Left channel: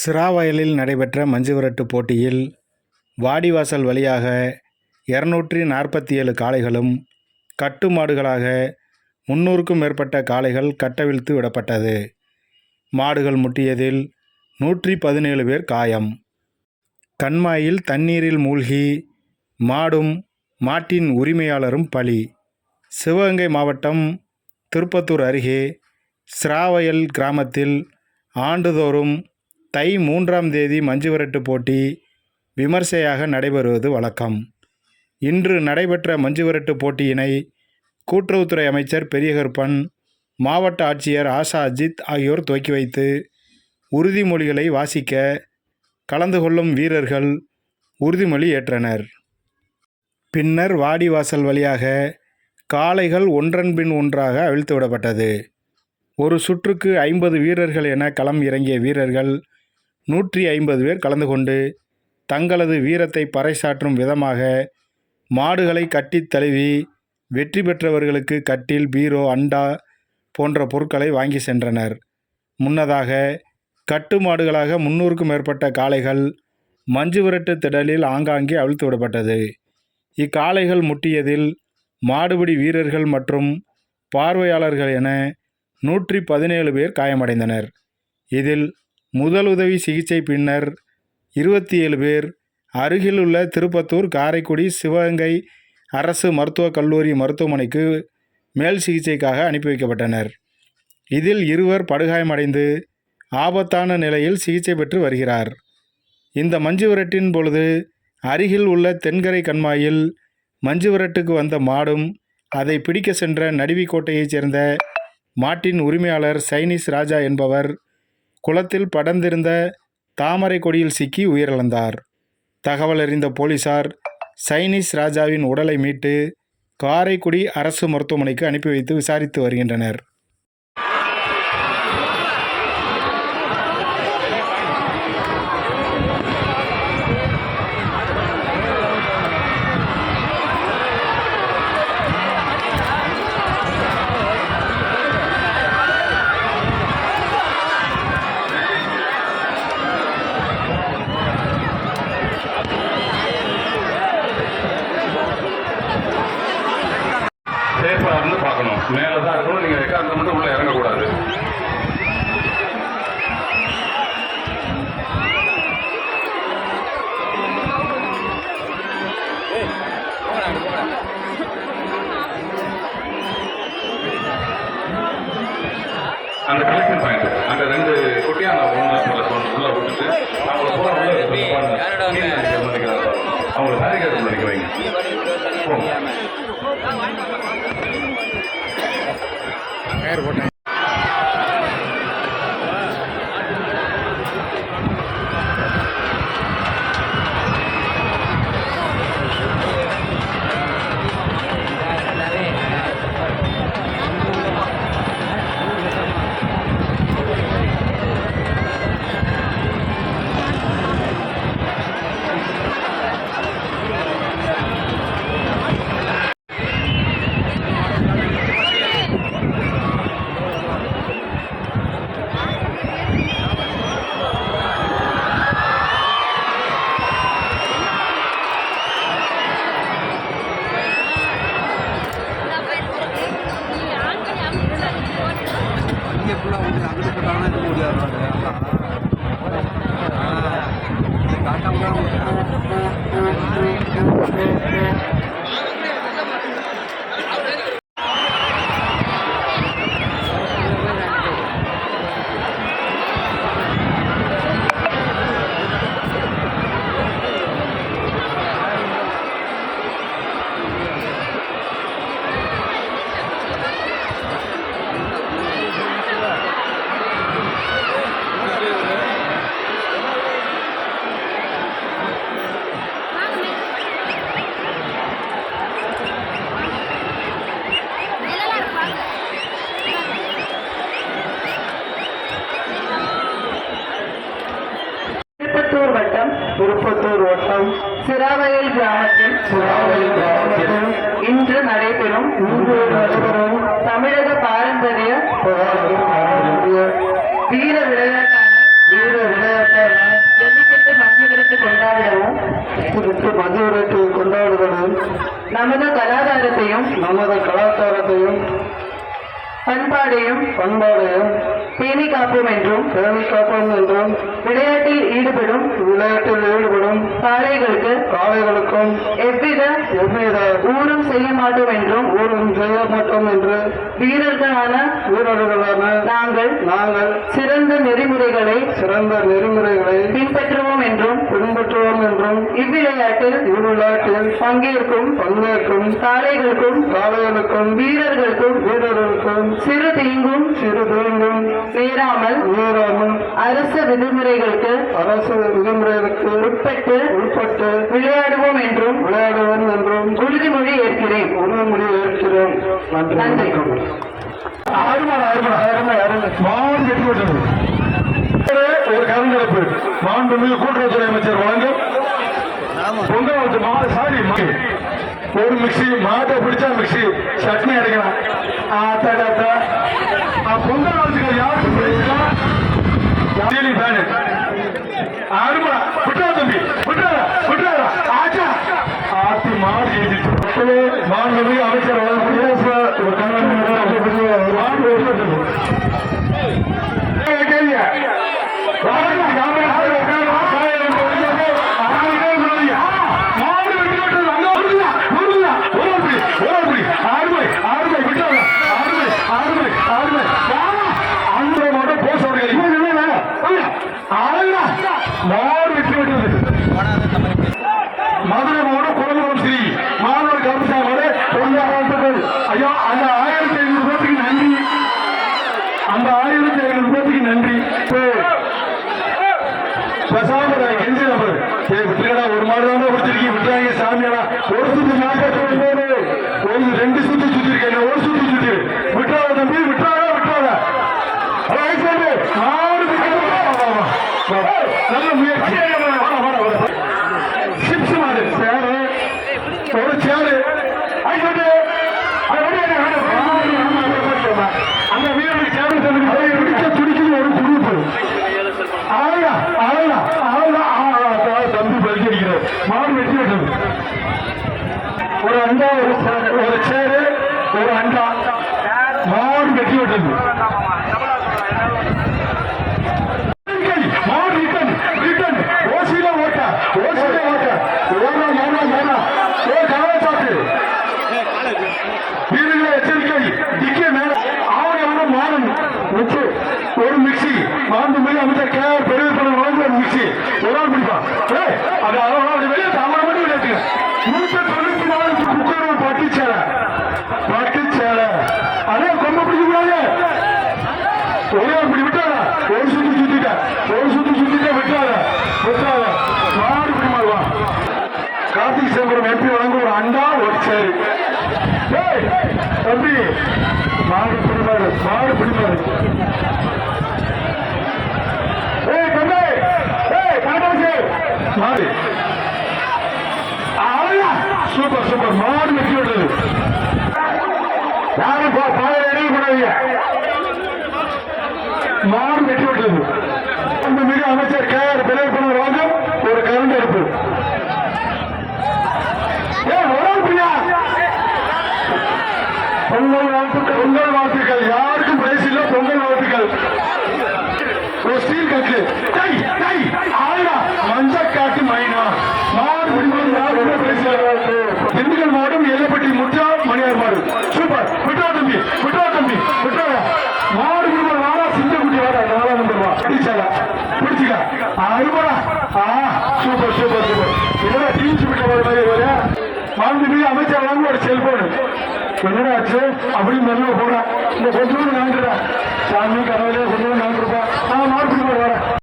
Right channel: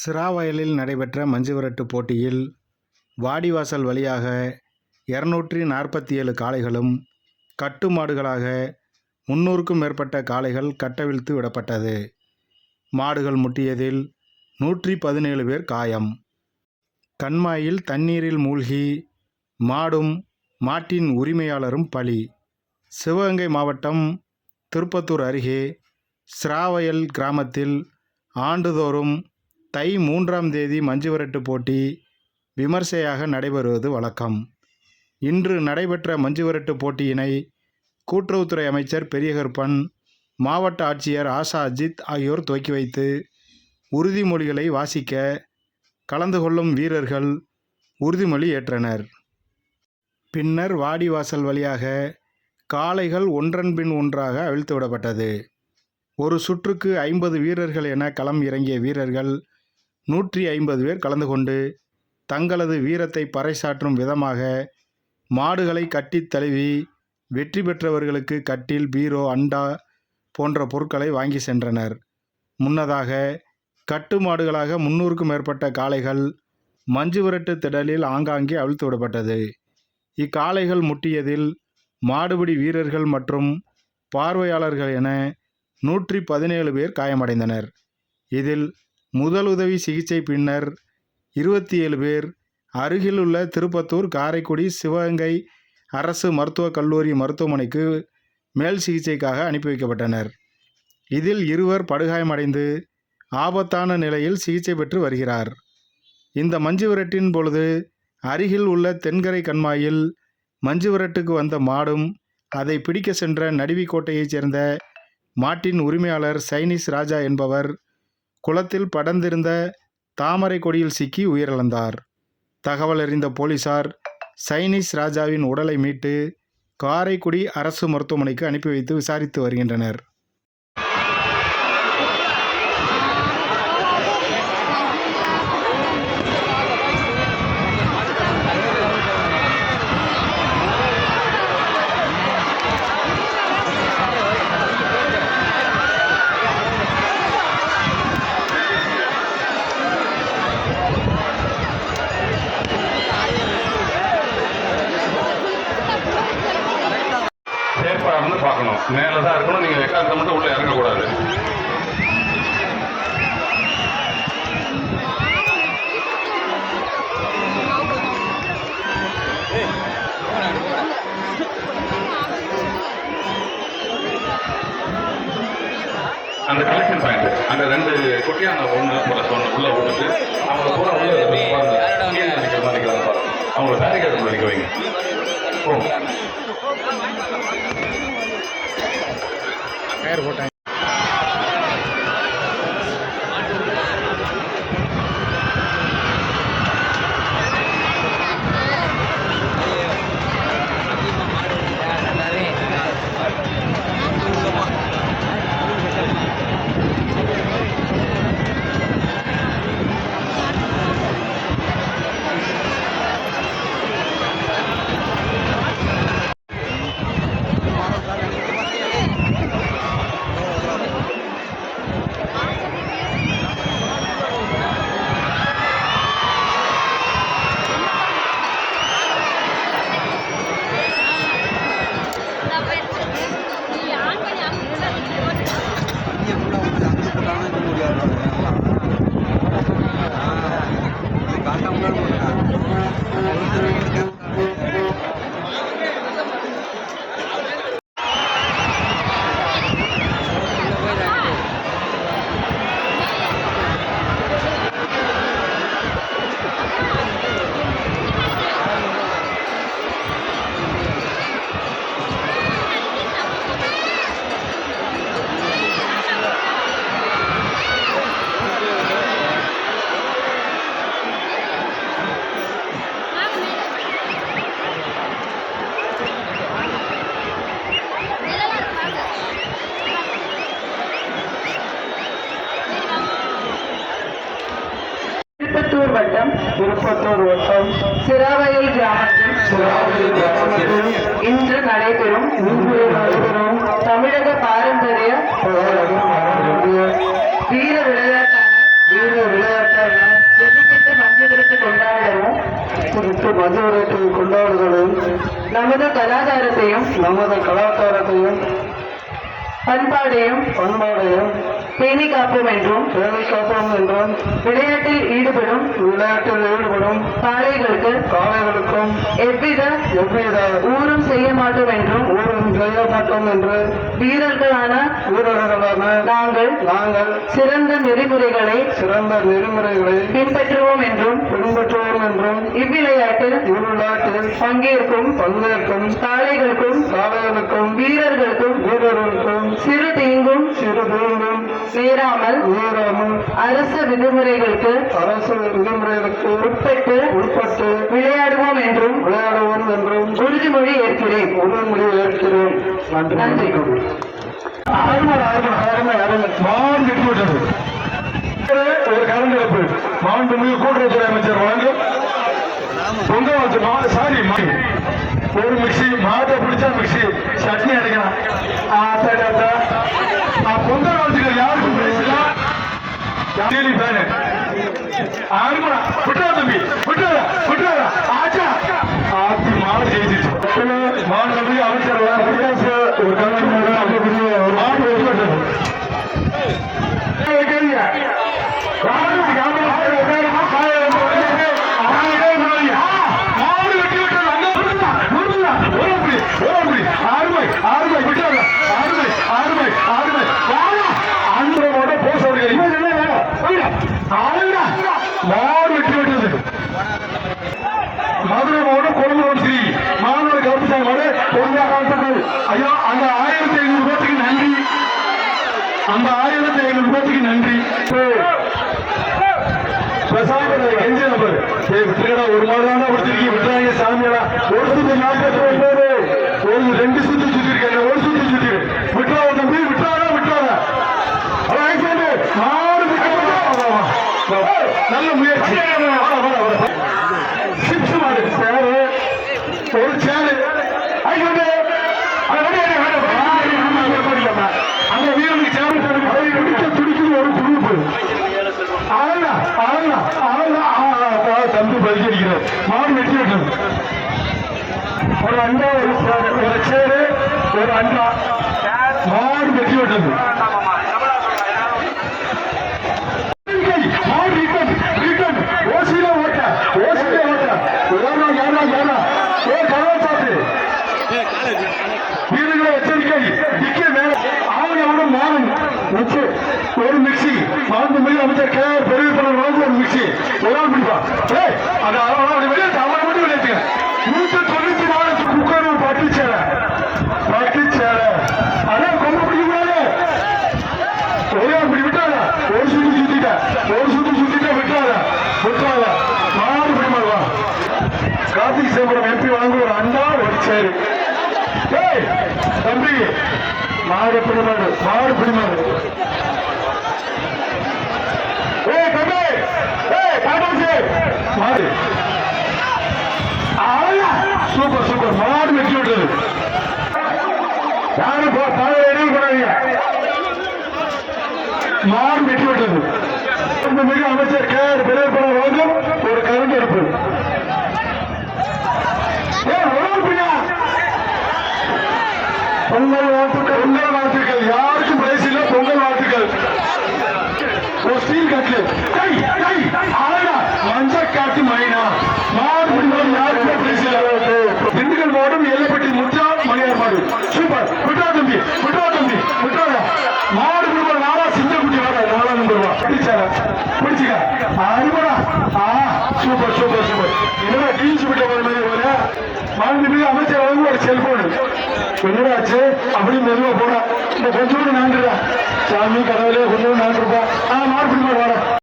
சிராவயலில் நடைபெற்ற மஞ்சுவிரட்டு போட்டியில் வாடிவாசல் வழியாக இரநூற்றி நாற்பத்தி ஏழு காளைகளும் கட்டு மாடுகளாக முன்னூறுக்கும் மேற்பட்ட காளைகள் கட்டவிழ்த்து விடப்பட்டது. மாடுகள் முட்டியதில் நூற்றி பதினேழு பேர் காயம். கண்மாயில் தண்ணீரில் மூழ்கி மாடும் மாட்டின் உரிமையாளரும் பலி. சிவகங்கை மாவட்டம் திருப்பத்தூர் அருகே சிராவயல் கிராமத்தில் ஆண்டுதோறும் தை மூன்றாம் தேதி மஞ்சுவிரட்டு போட்டி விமர்சையாக நடைபெறுவது வழக்கம். இன்று நடைபெற்ற மஞ்சுவிரட்டு போட்டியினை கூட்டுறவுத்துறை அமைச்சர் பெரியகருப்பன் மாவட்ட ஆட்சியர் ஆஷா அஜித் ஆகியோர் துவக்கி வைத்து உறுதிமொழிகளை வாசிக்க கலந்து கொள்ளும் வீரர்கள் உறுதிமொழி ஏற்றனர். பின்னர் வாடிவாசல் வழியாக காளைகள் ஒன்றன் பின் ஒன்றாக அவிழ்த்து விடப்பட்டது. ஒரு சுற்றுக்கு ஐம்பது வீரர்கள் என களம் இறங்கிய வீரர்கள் நூற்றி ஐம்பது பேர் கலந்து கொண்டு தங்களது வீரத்தை பறைசாற்றும் விதமாக மாடுகளை கட்டித் தழுவி வெற்றி பெற்றவர்களுக்கு கட்டில் பீரோ அண்டா போன்ற பொருட்களை வாங்கி சென்றனர். முன்னதாக கட்டு மாடுகளாக முன்னூறுக்கும் மேற்பட்ட காளைகள் மஞ்சு விரட்டு திடலில் ஆங்காங்கே அவிழ்த்து விடப்பட்டது. இக்காளைகள் முட்டியதில் மாடுபிடி வீரர்கள் மற்றும் பார்வையாளர்கள் என நூற்றி பதினேழு பேர் காயமடைந்தனர். இதில் முதலுதவி சிகிச்சை பின்னர் இருபத்தி ஏழு பேர் அருகிலுள்ள திருப்பத்தூர் காரைக்குடி சிவகங்கை அரசு மருத்துவக் கல்லூரி மருத்துவமனைக்கு மேல் சிகிச்சைக்காக அனுப்பி வைக்கப்பட்டனர். இதில் இருவர் படுகாயமடைந்து ஆபத்தான நிலையில் சிகிச்சை பெற்று வருகிறார். இந்த மஞ்சு விரட்டின் பொழுது அருகில் உள்ள தென்கரை கண்மாயில் மஞ்சு விரட்டுக்கு வந்த மாடும் அதை பிடிக்க சென்ற நடுவிக்கோட்டையைச் சேர்ந்த மாட்டின் உரிமையாளர் சைனீஸ் ராஜா என்பவர் குளத்தில் படர்ந்திருந்த தாமரை கொடியில் சிக்கி உயிரிழந்தார். தகவல் அறிந்த போலீசார் சைனீஸ் ராஜாவின் உடலை மீட்டு காரைக்குடி அரசு மருத்துவமனைக்கு அனுப்பி வைத்து விசாரித்து வருகின்றனர். நீங்க எக்காரத்தை மட்டும் உள்ளே இறங்கக்கூடாது. அந்த கலெக்ஷன் பாயிண்ட் அந்த ரெண்டு குட்டியா அந்த ஒன்று உள்ள சொன்ன உள்ள விட்டுட்டு அவங்கள பூரா உள்ள பாருங்க. கீழே நிற்கிற மாதிரி பாருங்க. அவங்கள பேரிகேட் நிற்க வைங்க. ஓ டயர் போட்டாங்க அங்கிட்டு போட்டாங்கன்னா இது முடியாது இது திருப்பத்தூர் வட்டம் திருப்பத்தூர் வட்டம். சிராவயல் கிராமத்தில் கிராமத்தில் இன்று நடைபெறும் இன்று நடைபெறும் தமிழக பாரம்பரிய வீர விளையாட்டான வீர விளையாட்டான ஜல்லிக்கட்டு மதுவிரத்தை கொண்டாடுதலும் நமது கலாச்சாரத்தையும் நமது கலாச்சாரத்தையும் பண்பாடையும் பண்பாடையும் பேணி காப்போம் என்றும் பேணி காப்போம் என்றும் விளையாட்டில் ஈடுபடும் விளையாட்டில் ஈடுபடும் காளைகளுக்கு காளைகளுக்கும் எவ்வித எவ்வித ஊரும் செய்ய மாட்டோம் என்றும் ஊரும் செய்ய மாட்டோம் என்று வீரர்களான வீரர்களான நாங்கள் நாங்கள் சிறந்த நெறிமுறைகளை சிறந்த நெறிமுறைகளை பின்பற்றுவோம் என்றும் பின்பற்றுவோம் என்றும் இவ்விளையாட்டில் இவ்விளையாட்டில் பங்கேற்கும் பங்கேற்கும் காளைகளுக்கும் காளைகளுக்கும் வீரர்களுக்கும் வீரர்களுக்கும் சிறு விதிமுறைகளுக்கு அரசு விதிமுறைகளுக்கு உட்பட்டு உட்பட்டு விளையாடுவோம் என்றும் விளையாடுவோம் என்றும் உறுதிமொழி ஏற்கிறேன். உறுதிமொழி ஏற்கிறோம் நன்றி ஒரு கலந்துரைப்பு மாண்புமிகு கூட்டுறவுத்துறை அமைச்சர் வழங்கும் பொங்கல் சாரி ஒரு மிக்சி மாட்டை பிடிச்சா மிக்சி சட்னி ஆ, பொங்கல் வாழ்த்துக்கள் யாருக்கும் பேசலாம் டெய்லி பேனு அருமடா விட்டுறா தம்பி விட்டுறா விட்டுறா ஆச்சா. ஆத்தி மாடு ஜெயிச்சிச்சு. மாண்புமிகு அமைச்சர் ஒரு கலந்து ஒரு மாடு மதுரை மாவட்டம் குழந்தை ஸ்ரீ மாணவர் கருப்பா மாடு ஐயா அந்த ஆயிரத்தி ஐநூறு பேருக்கு நன்றி. அந்த ஆயிரத்தி ஐநூறு பேருக்கு நன்றி. பேசாம நான் நபர்? நம்பர் விட்டுருக்கடா ஒரு மாதிரி தான் விட்டுருக்கீங்க விட்டுறாங்க சாமியாடா. ஒரு சுத்து நாற்பத்தி ஒன்பது ஒரு ரெண்டு சுத்து சுத்தி இருக்கேன் ஒரு சுத்து சுத்தி விட்டுறாத தம்பி விட்டுறாதா விட்டுறாதா அதான் ஐசேண்டு, மாடு விட்டுறாதா? நல்ல முயற்சி சிப்ஸ் மாடு சேரு ஒரு சேரு ஐசேண்டு, அது வந்து என்ன வேணும்? அந்த வீரனுக்கு சேரு சொல்லுங்க போய் இடிக்க துடிக்குது ஒரு குரூப் ஆளா ஆளா ஆளா ஆளா தம்பி பரிசீலிக்கிறார் மாடு வெட்டி விட்டது ஒரு அண்டா ஒரு சேரு ஒரு சேரு ஒரு அண்டா. மாடு வெட்டி விட்டது. மேல ஒரு மிக்சி. மாண்பு மிக அமைச்சர் கே பெரிய பணம் வளர்ந்து மிக்சி. ஒரு ஆள் பிடிப்பா அது அவன் வெளியே அவனை மட்டும் வெளியே நூற்றி தொண்ணூத்தி நாலு குக்கரும் பட்டு சேலை பட்டு சேலை அதான் கொம்ப பிடிக்கிறாங்க ஒரு ஆள் இப்படி விட்டாத ஒரு சுத்தி சுத்திட்ட ஒரு சுத்தி சுத்திட்ட விட்டாத விட்டாத மாடு பிடிமாவா கார்த்திக் சிதம்பரம் வெற்றி வழங்க ஒரு அண்ணா ஒரு சேரு. தம்பி மாடு பிடிமாடு மாடு பிடிமாடு ஏய் தம்பி ஏய் பாட்டாசு சூப்பர் சூப்பர். மாடு வெற்றி விட்டது யாரும் பாதையில என்ன பண்ணாதீங்க மாடு வெற்றி விட்டது அந்த மிக அமைச்சர் கே ஆர் பிள்ளைப்பணம் வாங்கும் ஒரு கரண்ட் எடுப்பு ஏய், ஒரு ஆள் பிரியா பொங்கல் வாழ்த்துக்கள். பொங்கல் வாழ்த்துக்கள். யாருக்கும் பிரைஸ் இல்ல பொங்கல் வாழ்த்துக்கள். ஒரு ஸ்டீல் கட்லு கை கை ஆனா மஞ்ச காத்து மைனா. மாடு முடிந்தால் யாருக்குமே பிரைஸ் இல்ல. திண்டுக்கல் மாவட்டம் எல்லைப்பட்டி முற்றா மணியார் மாடு. சூப்பர். விட்ரா தம்பி விட்ரா தம்பி விட்ரா மாடு முடிந்தால் வாரா சிங்க குட்டி வாரா நாளா வந்துருவா பிடிச்சாடா? பிடிச்சிக்கா. அருமடா. ஆ சூப்பர் சூப்பர் சூப்பர். என்னடா டீச்சு விட்ட மாதிரி வர மாண்புமிகு அமைச்சர் வழங்கும் ஒரு செல்போன் என்னடாச்சு அப்படின்னு மெதுவா போனா இந்த கொஞ்சம் நேண்டுடா சாமி கடவுளே கொஞ்சம் நேண்டுருப்பா ஆ மார்க் வரேன்